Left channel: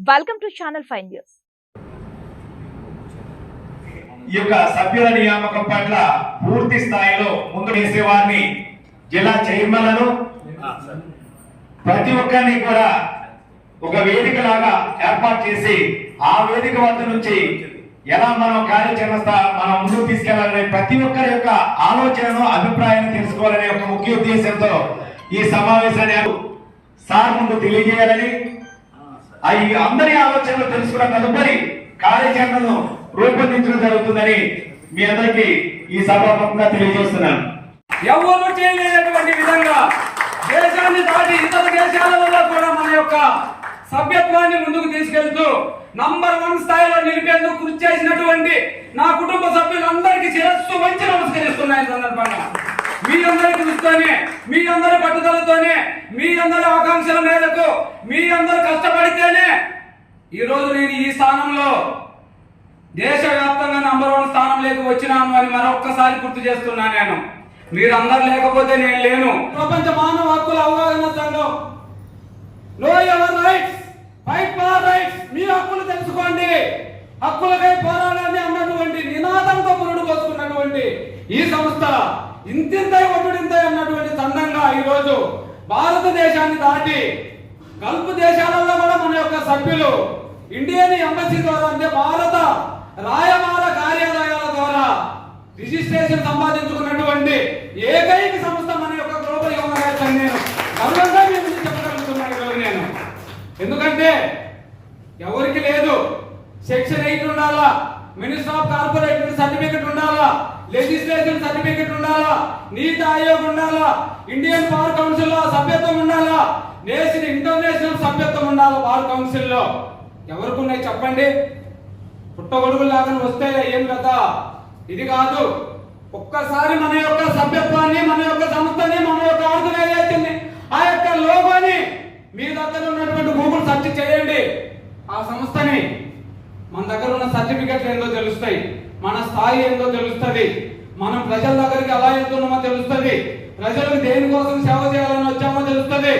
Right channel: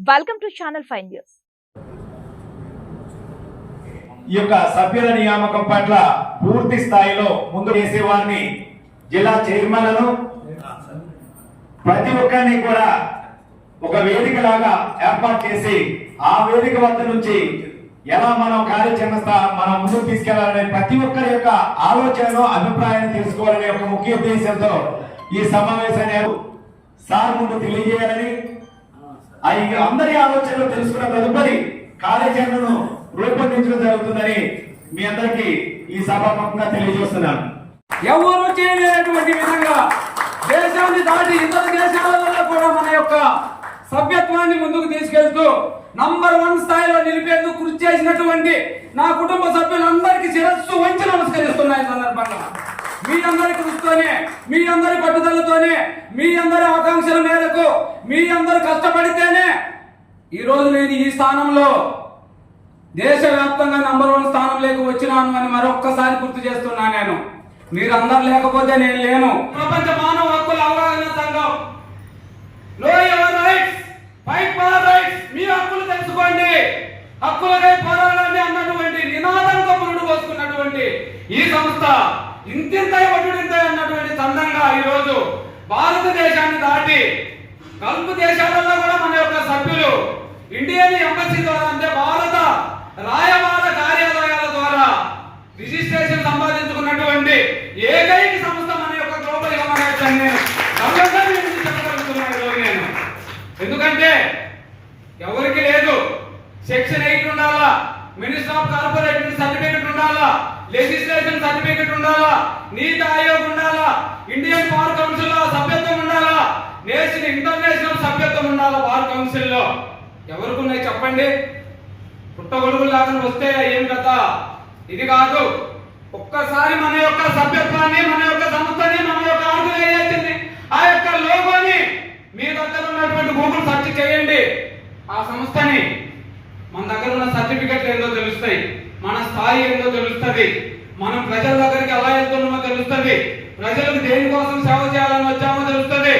Welcome to channel five news ఈ యొక్క సభ్యుల నియామకం పట్ల పూర్తి స్థాయిలో ముందు వేసే వారిని జిల్లా చైర్మన్లను ప్రతి ఒక్కరిని కూడా ఒక వేదిక లాగా ఏర్పాటు చేసి ఆ వేదిక వద్ద నుంచి ఎలా మనం కార్యాచరణ మనం ముందుకు తీసుకెళ్ళాలనే ప్రతి ఒక్కరి యొక్క ఆలోచనను అభిప్రాయాన్ని తెలుసుకోవాలనే ఒక ముఖ్య ఉద్దేశంతో ఈ సమావేశాన్ని సార్ ముందు తెలియజేయాలని అవి అందరి ఆలోచనలు తెలుసుకున్న తదుపరి కార్యాచరణను రూపొందించడం జరుగుతుందని మీ అందరికీ ఈ సభాముఖంగా తెలియజేస్తున్నాను. ఎవరు చేయలేనటువంటి విధంగా దేశాన్ని దాటి ఇతర దేశాలలో కూడా మన యొక్క సభ్యత్వాన్ని ముందుకు తీసుకెళ్తూ నంబర్ వన్ స్థాయిలో నిలిపేందుకు కృషి చేసినటువంటి నా కుటుంబ సభ్యులందరికీ శిరస్సు వంచి నమస్కరిస్తున్నాయి సందర్భంగా. మీ అందరి కృషితోనే మీ అందరి పట్టుదలతోనే మీ అందరి ఆకాంక్షల మేరకు మీ అందరు కష్టపడితే ఈ రోజు నేను ఈ స్థానంలో దేశవ్యాప్తంగా నంబర్ వన్ స్థానంలోకి వచ్చినాను అని మరొక్కసారి గుర్తు చేస్తున్నా నేను. మీరందరు లేకపోతే నేను లేను. ప్రపంచ మానవ హక్కుల అవగాహన సంఘం. లో ever rights fight for rights మీ హక్కులు తెలుసుకోండి. హక్కులకై పోరాడాలి అన్నటువంటి నినాదంతో పురుడు పోసుకున్నటువంటి ఈ సంస్థ ఇంతింతై ఒడ్డుడింతై అన్నటువంటి సందంగా ఈ రోజు భారతదేశాన్ని దాటి గల్ఫ్ దేశాలలో కూడా ఇండియన్ ఎంబసీ ద్వారా అంటే భారత రాయబార కార్యాలయాల ద్వారా రిజిస్ట్రేషన్ సంపాదించుకున్నటువంటి ఏకైక సంస్థ మన యొక్క గ్లోబల్ హ్యూమన్ రైట్స్ గర్వంగా చెప్పగలుగుతున్నాను నేను. ఎందుకంటే ఎవరికి లేదు. సెక్షన్ ఎయిట్ ఉండాలా? మినిస్టర్ ఆఫ్ కార్పొరేట్ సర్టిఫికెట్ ఉండాలా? లెజిస్లేషన్ సర్టిఫికెట్ ఉండాలా? నీతి ఆయోగ్ ఉండాలా? ఇండియన్ పవర్ కౌన్సిల్ సభ్యత్వం ఉండాలా? నేషన్ ఇంటర్ సభ్యత్వం ఉండాలా కౌన్సిల్లో ఎవరికి ఉన్నాయి చెప్పండి? పుట్టగొడుగులు లాగా వస్తే ఏం కదా ఇది కాదు. ఒక్కసారి మన యొక్క సభ్యత్వాన్ని మన యొక్క సంస్థని మన యొక్క ఆర్గనైజేషన్ ఆ యొక్క లోగోని మీ దగ్గర ఉన్నటువంటి గూగుల్ సెర్చ్ చేయండి. ఆ సంస్థని మన దగ్గర ఉన్న సర్టిఫికెట్లు ఏందో తెలుస్తాయి. మన స్థాయి ఏందో తెలుస్తుంది. మనం ప్రజల దగ్గరికి ఎలా వెళ్తున్నామో తెలుస్తుంది. ప్రజలకు దేనికోసం సేవ చేయాలని వచ్చామో తెలుస్తుంది.